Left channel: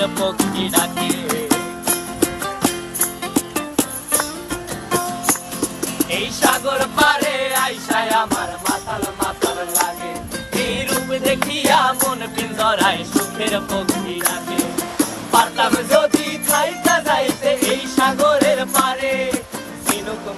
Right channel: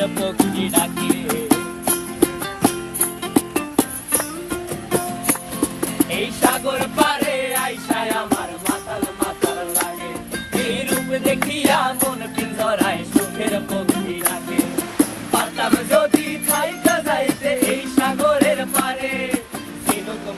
সুখের পক্ষী ডাকে। এই সাগর পারে আইসায় আমার মাতাল মাতাল লাগে, এই রূপ দেখিয়া মন পিঞ্জরায় সুখের পক্ষী ডাকে।